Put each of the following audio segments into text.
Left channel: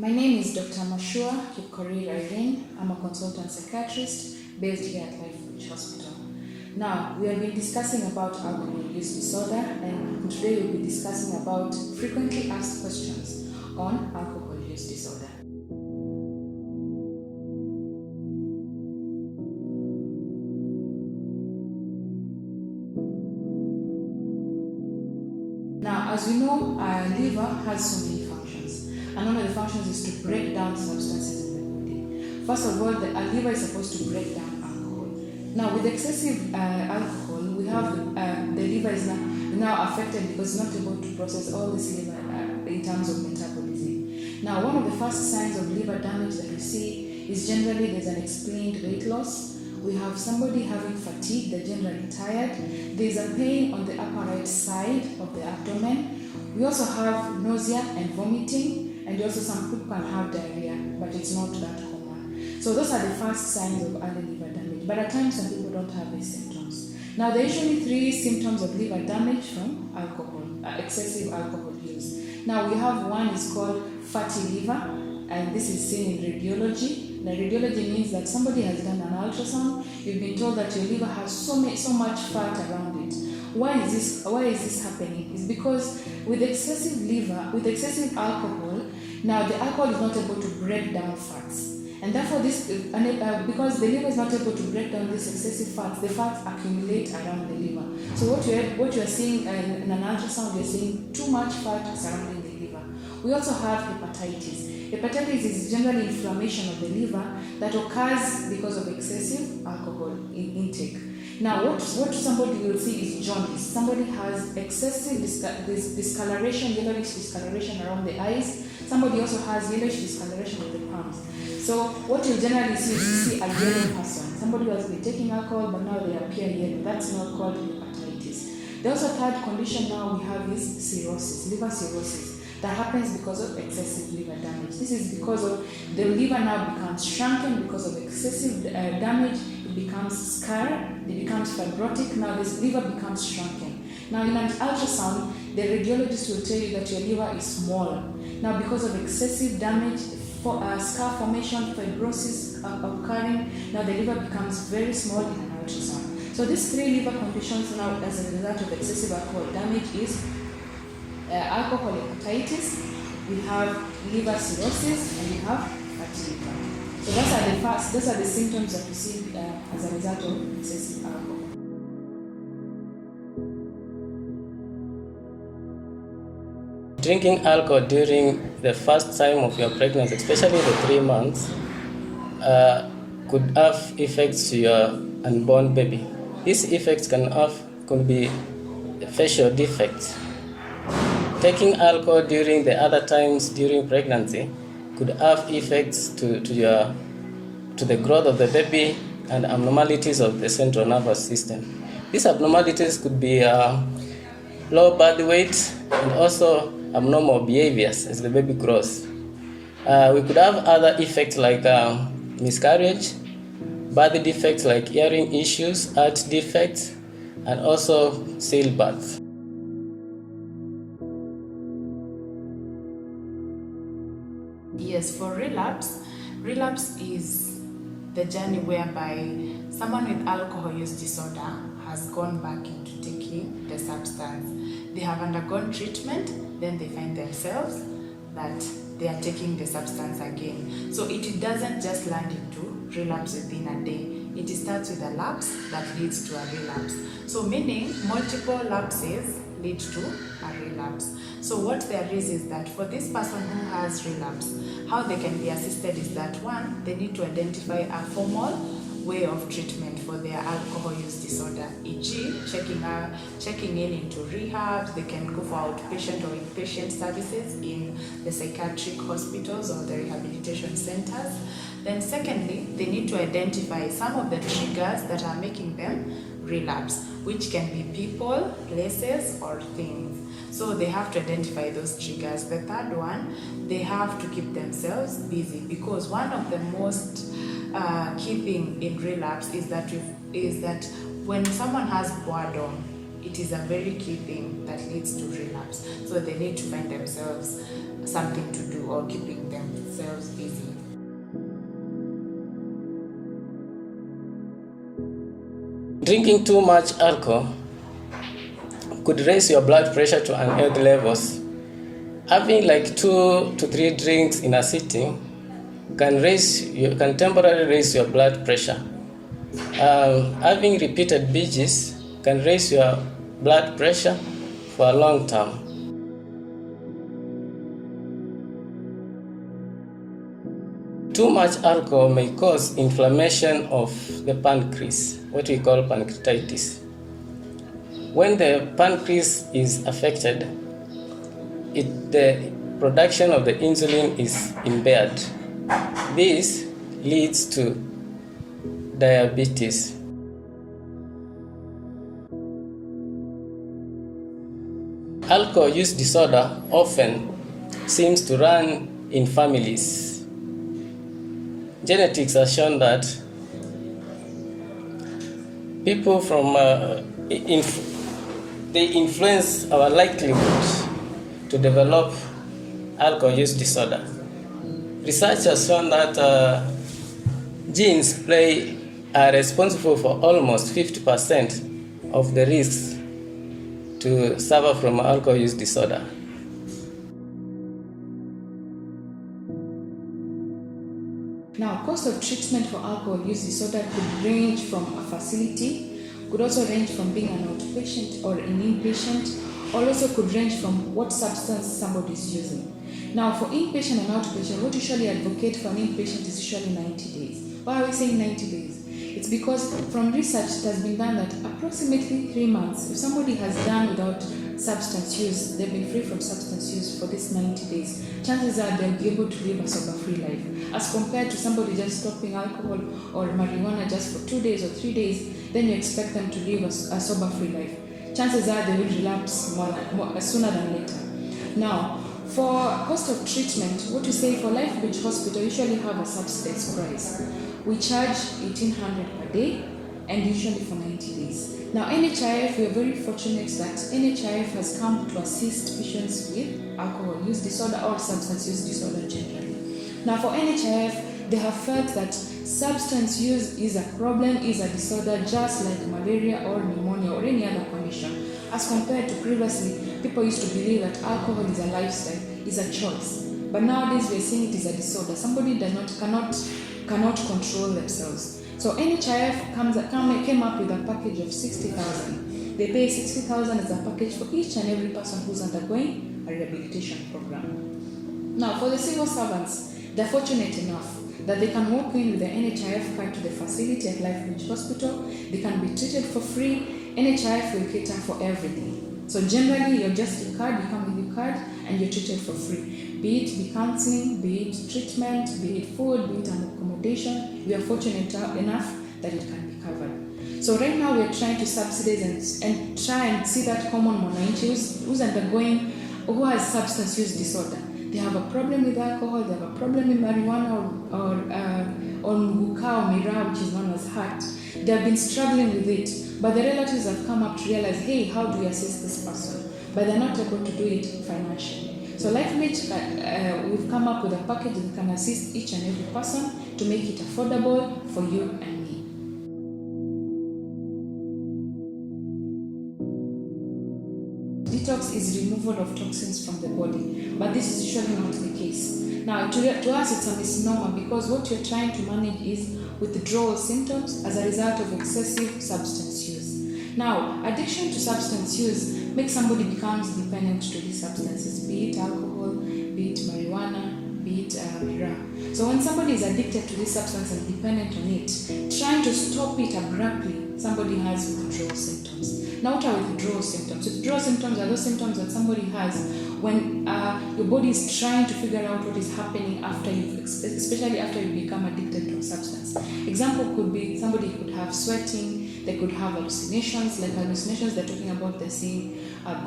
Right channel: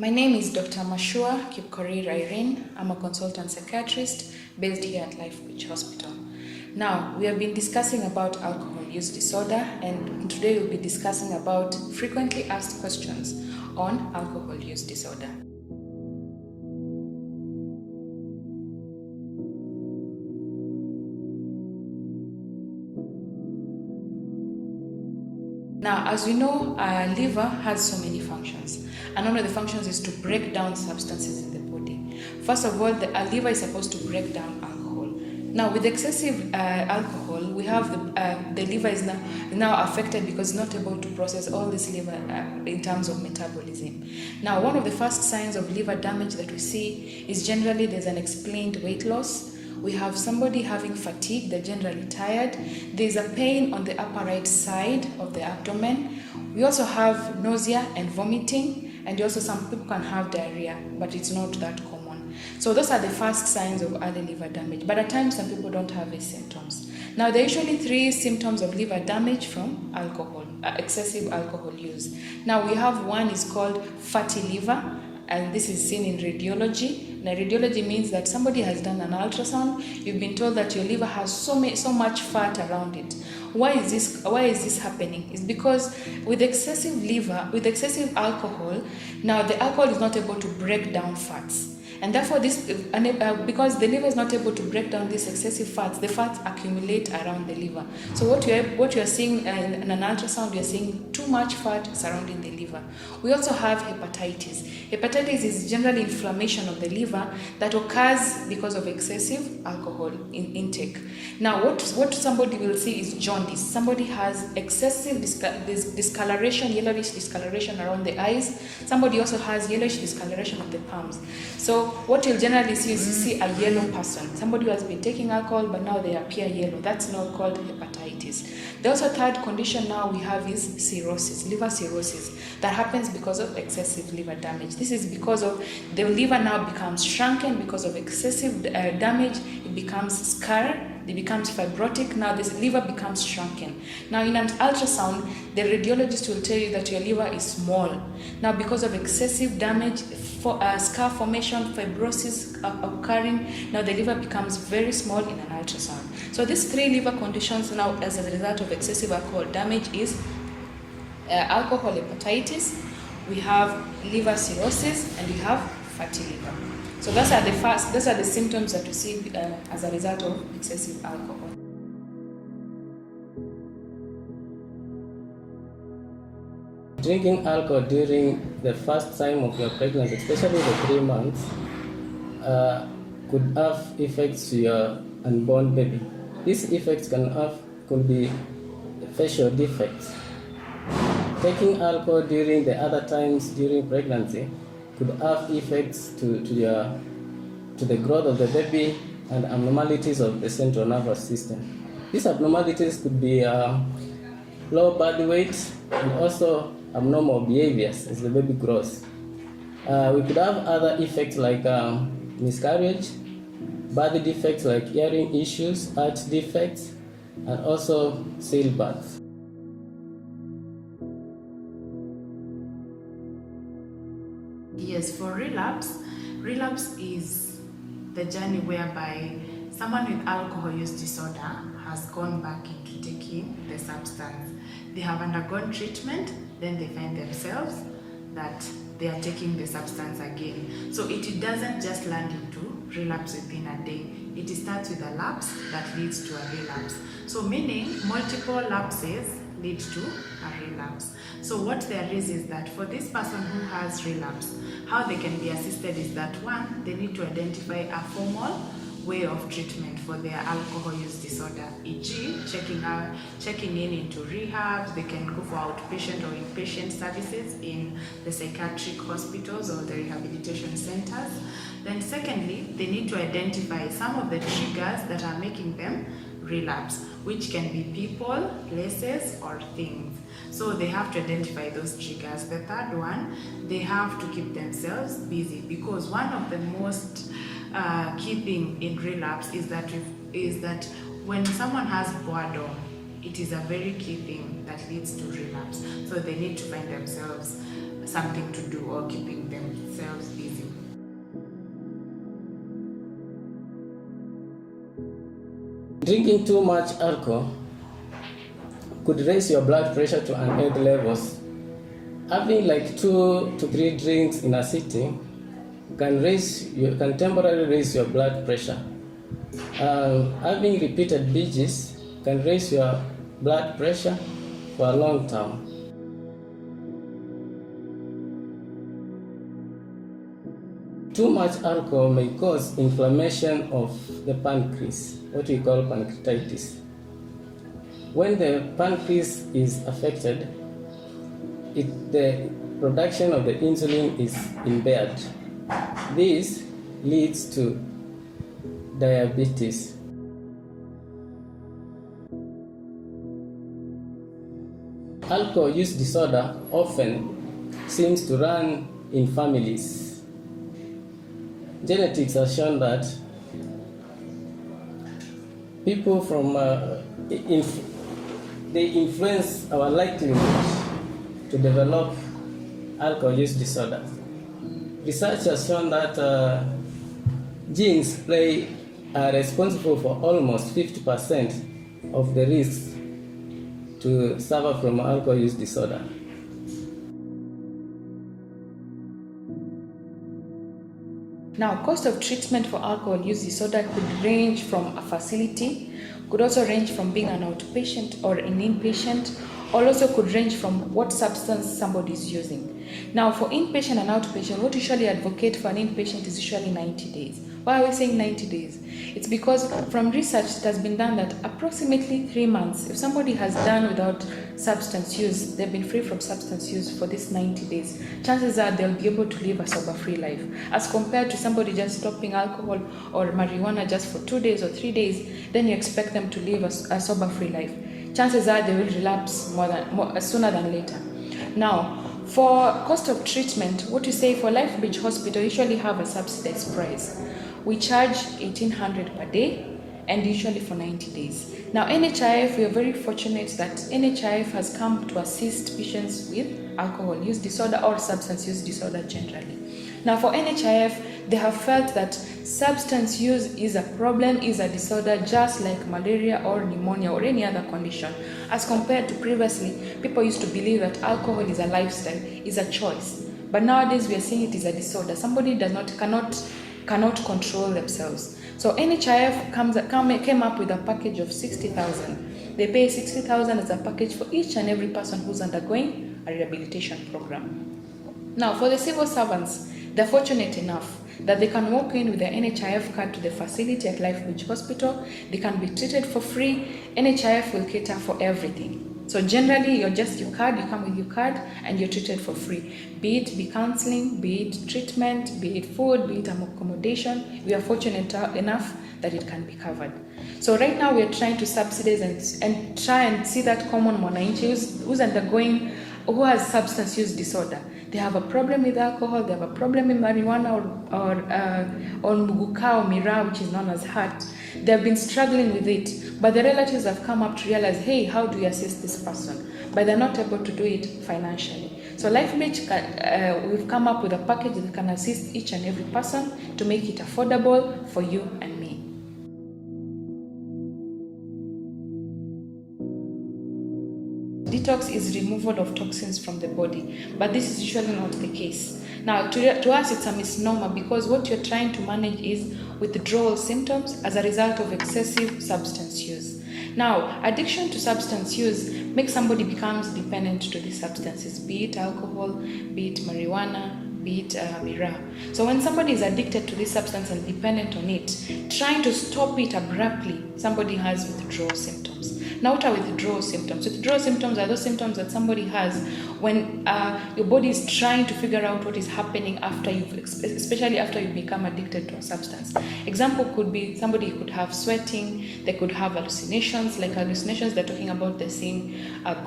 My name is Dr. Mashua Kipkorir Irene. I'm a consultant psychiatrist based here at Lifebridge Hospital. Now, we have been discussing about alcohol use disorder, and today we'll be discussing about frequently asked questions on alcohol use disorder. Now, as we know, our liver has so many functions, and one of the functions is to break down substances in the body. First of all, our liver is supposed to break down alcohol. Now, with excessive alcohol, we have the liver is now affected because it's not able to process all this liver in terms of metabolism. Now, one of the first signs of liver damage that we see is generally there's an explained weight loss. We have somebody having fatigue, they're generally tired. There's a pain on the upper right side of the abdomen. We also have nausea and vomiting, and also some people can have diarrhea, but it's not that common. So those are the first signs of early liver damage, but at times some people don't have these symptoms. Now, there are usually 3 symptoms of liver damage from alcohol, excessive alcohol use. Now, we have one is called fatty liver, and this is seen in radiology. Now, radiology means that somebody has done an ultrasound. You've been told that your liver has so much fat around it. Why is this happening? It's because with excessive alcohol, now the alcohol is not able to break down fats. And therefore, because the liver is not able to break down these excessive fats, the fats accumulate around the liver. So what you're seeing in an ultrasound, you're seeing too much fat surrounding the liver. We also have hepatitis. Hepatitis is generally inflammation of the liver that occurs because of excessive alcohol intake. Now, what somebody will see is jaundice. Somebody has excessive discoloration, yellowish discoloration around the eyes. Somebody also has yellowish discoloration of the palms. So what you'll generally see is you see a yellow person. Somebody who has been taking alcohol, but now they appear yellow. That's now called hepatitis. The also third condition now we have is cirrhosis, liver cirrhosis. That happens because of excessive liver damage. This is because of the liver now becomes shrunken because of excessive damage. It becomes scarred, it becomes fibrotic. Now this liver becomes shrunken. Now in an ultrasound, the radiologist will tell you that your liver is small. Now because of excessive damage, scar formation, fibrosis occurring, now the liver becomes very small in an ultrasound. So these 3 liver conditions now as a result of excessive alcohol damage is alcohol hepatitis, we have liver cirrhosis, and we have fatty liver. So those are the symptoms that we see as a result of excessive alcohol. Drinking alcohol during the first time of your pregnancy, especially the 3 months, could have effects to your unborn baby. These effects can be facial defects. Taking alcohol during the other times during pregnancy could have effects to the growth of the baby and abnormalities of the central nervous system. These abnormalities could be low body weight and also abnormal behaviors as the baby grows. We could have other effects like miscarriage, body defects like hearing issues, heart defects, and also stillbirth. Yes, for relapse is the journey whereby someone with alcohol use disorder has gone back into taking the substance. They have undergone treatment, then they find themselves that they are taking the substance again. So it doesn't just land into relapse within a day. It starts with a lapse that leads to a relapse. So meaning multiple lapses lead to a relapse. So what there is that for this person who has relapse, how they can be assisted is that 1, they need to identify a formal way of treatment for their alcohol use disorder, e.g. checking in into rehabs. They can go for outpatient or inpatient services in the psychiatric hospitals or the rehabilitation centers. Then secondly, they need to identify some of the triggers that are making them relapse, which can be people, places, or things. So they have to identify those triggers. The third one, they have to keep themselves busy, because one of the most key thing in relapse is that when someone has boredom, it is a very key thing that leads to relapse. So they need to find themselves something to do or keeping themselves themselves busy. Drinking too much alcohol could raise your blood pressure to unhealthy levels. Having like 2 to 3 drinks in a sitting can temporarily raise your blood pressure. Having repeated binges can raise your blood pressure for a long term. Too much alcohol may cause inflammation of the pancreas, what we call pancreatitis. When the pancreas is affected, the production of the insulin is impaired. This leads to diabetes. Alcohol use disorder often seems to run in families. Genetics has shown that people from they influence our likelihood to develop alcohol use disorder. Research has shown that genes are responsible for almost 50% of the risks to suffer from alcohol use disorder. Now, cost of treatment for alcohol use disorder could range from a facility, could also range from being an outpatient or an inpatient, or also could range from what substance somebody is using. Now, for inpatient and outpatient, what we usually advocate for an inpatient is usually 90 days. Why are we saying 90 days? It's because from research it has been done that approximately 3 months, if somebody has done without substance use, they've been free from substance use for this 90 days, chances are they'll be able to live a sober-free life. As compared to somebody just stopping alcohol or marijuana just for 2 days or 3 days, then you expect them to live a sober-free life. Chances are they will relapse sooner than later. Now, for cost of treatment, what we say for Life Beach Hospital, usually have a subsidized price. We charge $1,800 per day and usually for 90 days. Now, NHIF, we are very fortunate that NHIF has come to assist patients with alcohol use disorder or substance use disorder generally. Now, for NHIF, they have felt that substance use is a problem, is a disorder just like malaria or pneumonia or any other condition. As compared to previously, people used to believe that alcohol is a lifestyle, is a choice. But nowadays we are seeing it is a disorder. Somebody cannot control themselves. So NHIF came up with a package of 60,000. They pay 60,000 as a package for each and every person who's undergoing a rehabilitation program. Now, for the civil servants, they're fortunate enough that they can walk in with their NHIF card to the facility at Life Beach Hospital. They can be treated for free. NHIF will cater for everything. So generally, you come with your card and you're treated for free. Be it counseling, be it treatment, be it food, be it accommodation. We are fortunate enough that it can be covered. So right now we are trying to subsidize and try and see that common mwananchi who has substance use disorder. They have a problem with alcohol, they have a problem with marijuana or muguka or miraa, which is known as heart. They have been struggling with it, but the relatives have come up to realize, hey, how do we assist this person? But they're not able to do it financially. So Life Beach, we've come up with a package that can assist each and every person to make it affordable for you and me. Detox is removal of toxins from the body, but this is usually not the case. Now, to us, it's a misnomer because what you're trying to manage is withdrawal symptoms as a result of excessive substance use. Now, addiction to substance use makes somebody becomes dependent to these substances, be it alcohol, be it marijuana, be it miraa. So when somebody is addicted to this substance and dependent on it, trying to stop it abruptly, somebody has withdrawal symptoms. Now, what are withdrawal symptoms? Withdrawal symptoms are those symptoms that somebody has when your body is trying to figure out what is happening especially after you become addicted to a substance. Example could be somebody could have sweating, they could have hallucinations. Like hallucinations, they're talking about they're seeing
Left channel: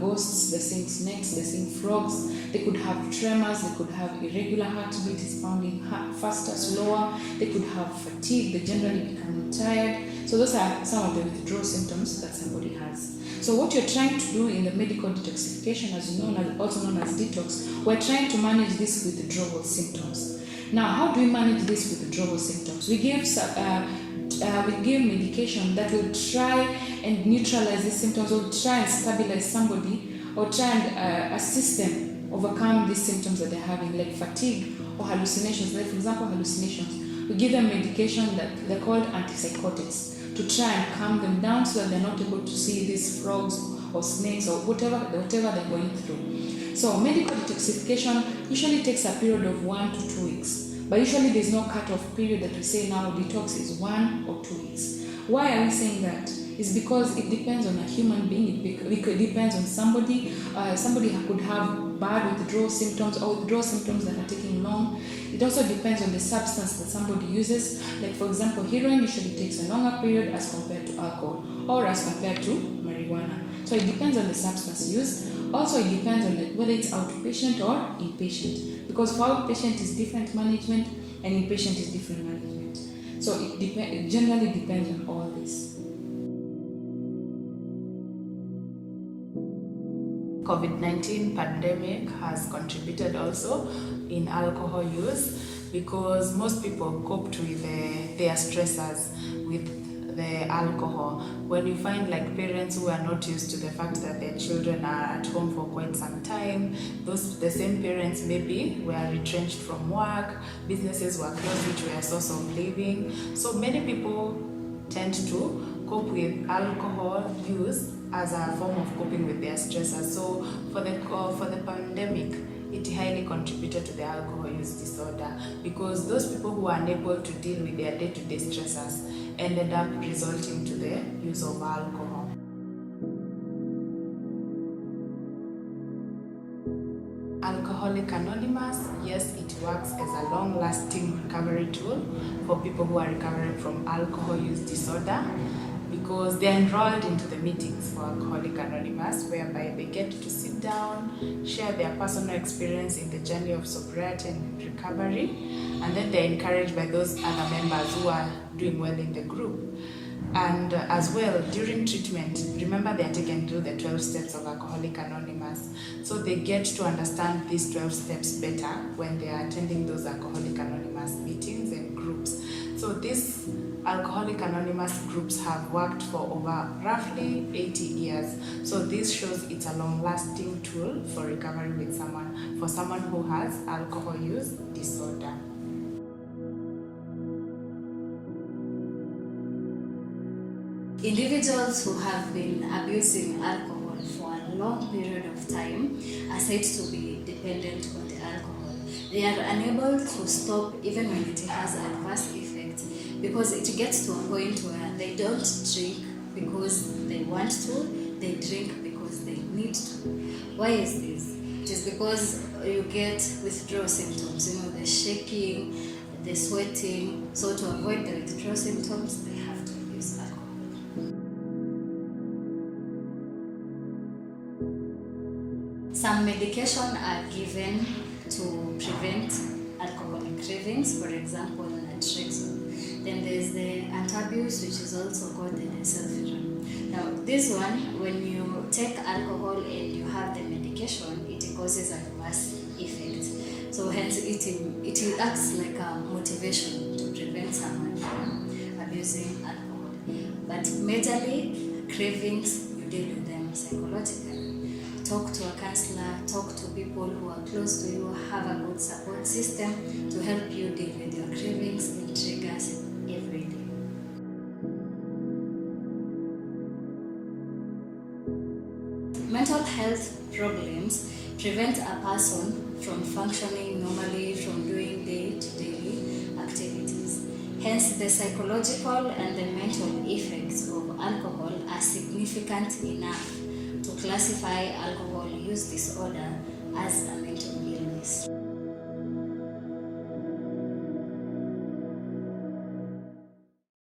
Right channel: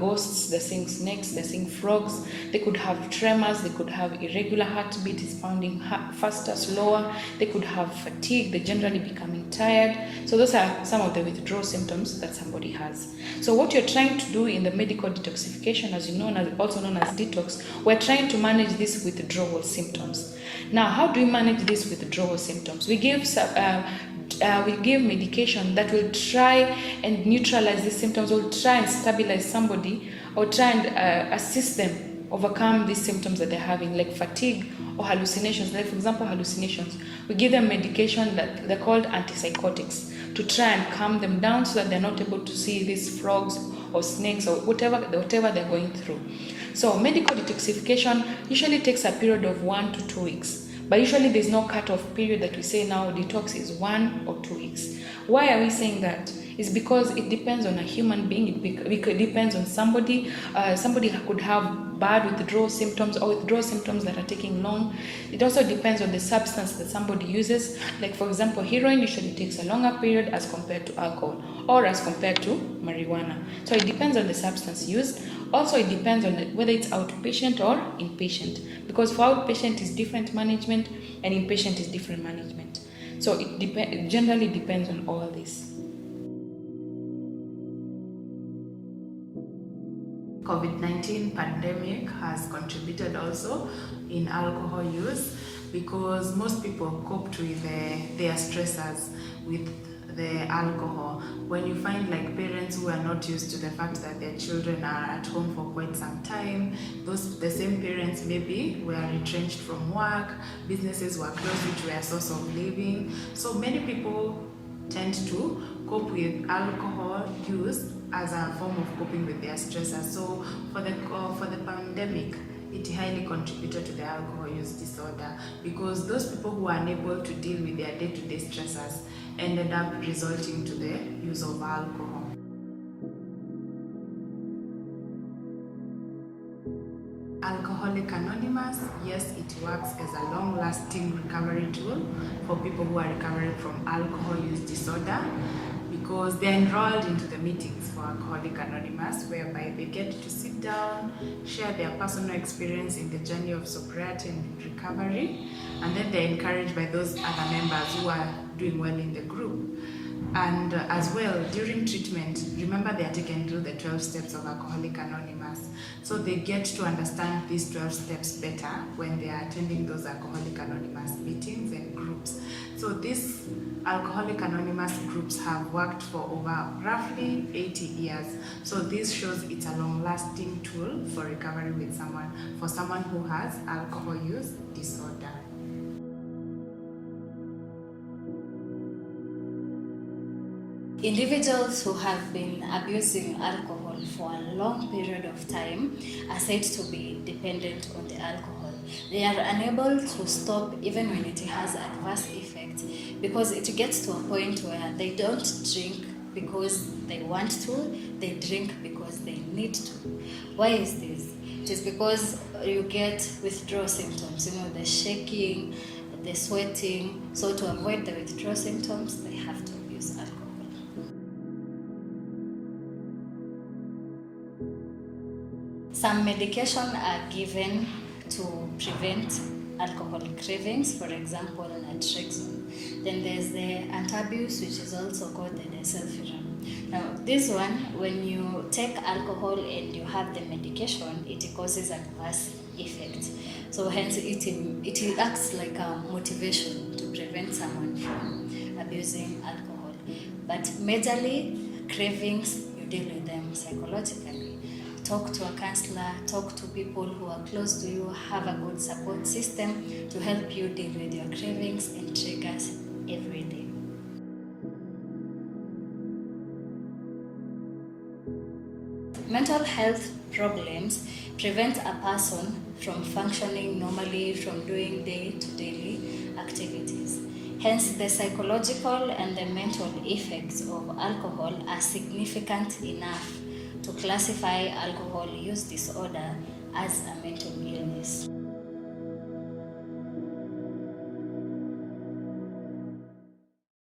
ghosts, they're seeing snakes, they're seeing frogs. They could have tremors, they could have irregular heartbeat, is pounding faster, slower. They could have fatigue, they're generally becoming tired. So those are some of the withdrawal symptoms that somebody has. So what you're trying to do in the medical detoxification, also known as detox, we're trying to manage these withdrawal symptoms. Now, how do we manage this withdrawal symptoms? We give medication that will try and neutralize these symptoms, or try and stabilize somebody, or try and assist them overcome these symptoms that they're having, like fatigue or hallucinations. Like, for example, hallucinations. We give them medication that they're called antipsychotics to try and calm them down so that they're not able to see these frogs or snakes or whatever they're going through. So medical detoxification usually takes a period of 1 to 2 weeks. But usually there's no cut-off period that we say now detox is 1 or 2 weeks. Why are we saying that? It's because it depends on a human being. It depends on somebody. Somebody could have bad withdrawal symptoms or withdrawal symptoms that are taking long. It also depends on the substance that somebody uses. Like, for example, heroin usually takes a longer period as compared to alcohol or as compared to marijuana. So it depends on the substance used. Also, it depends on whether it's outpatient or inpatient, because for outpatient is different management and inpatient is different management. So it generally depends on all this. COVID-19 pandemic has contributed also in alcohol use, because most people coped with their stressors with the alcohol. When you find like parents who are not used to the fact that their children are at home for quite some time, the same parents maybe were retrenched from work, businesses were closed, which were a source of living. So many people tend to cope with alcohol use as a form of coping with their stressors. So for the pandemic, it highly contributed to the alcohol use disorder, because those people who are unable to deal with their day-to-day stressors ended up resulting to the use of alcohol. Alcoholic Anonymous, yes, it works as a long-lasting recovery tool for people who are recovering from alcohol use disorder, because they're enrolled into the meetings for Alcoholic Anonymous, whereby they get to sit down, share their personal experience in the journey of sobriety and recovery, and then they're encouraged by those other members who are doing well in the group. And as well, during treatment, remember they are taken through the 12 steps of Alcoholic Anonymous. So they get to understand these 12 steps better when they are attending those Alcoholic Anonymous meetings and groups. So these Alcoholic Anonymous groups have worked for over roughly 80 years. So this shows it's a long-lasting tool for recovery with someone who has alcohol use disorder. Individuals who have been abusing alcohol for a long period of time are said to be dependent on the alcohol. They are unable to stop even when it has adverse effects, because it gets to a point where they don't drink because they want to, they drink because they need to. Why is this? It is because you get withdrawal symptoms, the shaking, the sweating. So to avoid the withdrawal symptoms, they have to use alcohol. Some medication are given to prevent alcoholic cravings, for example, naltrexone. Then there's the antabuse, which is also called the disulfiram. Now, this one, when you take alcohol and you have the medication, it causes adverse effects. So hence, it acts like a motivation to prevent someone from abusing alcohol. But majorly, cravings, you deal with them psychologically. Talk to a counselor, talk to people who are close to you, have a good support system to help you deal with your cravings and triggers every day. Mental health problems prevent a person from functioning normally, from doing day-to-day activities. Hence, the psychological and the mental effects of alcohol are significant enough to classify alcohol use disorder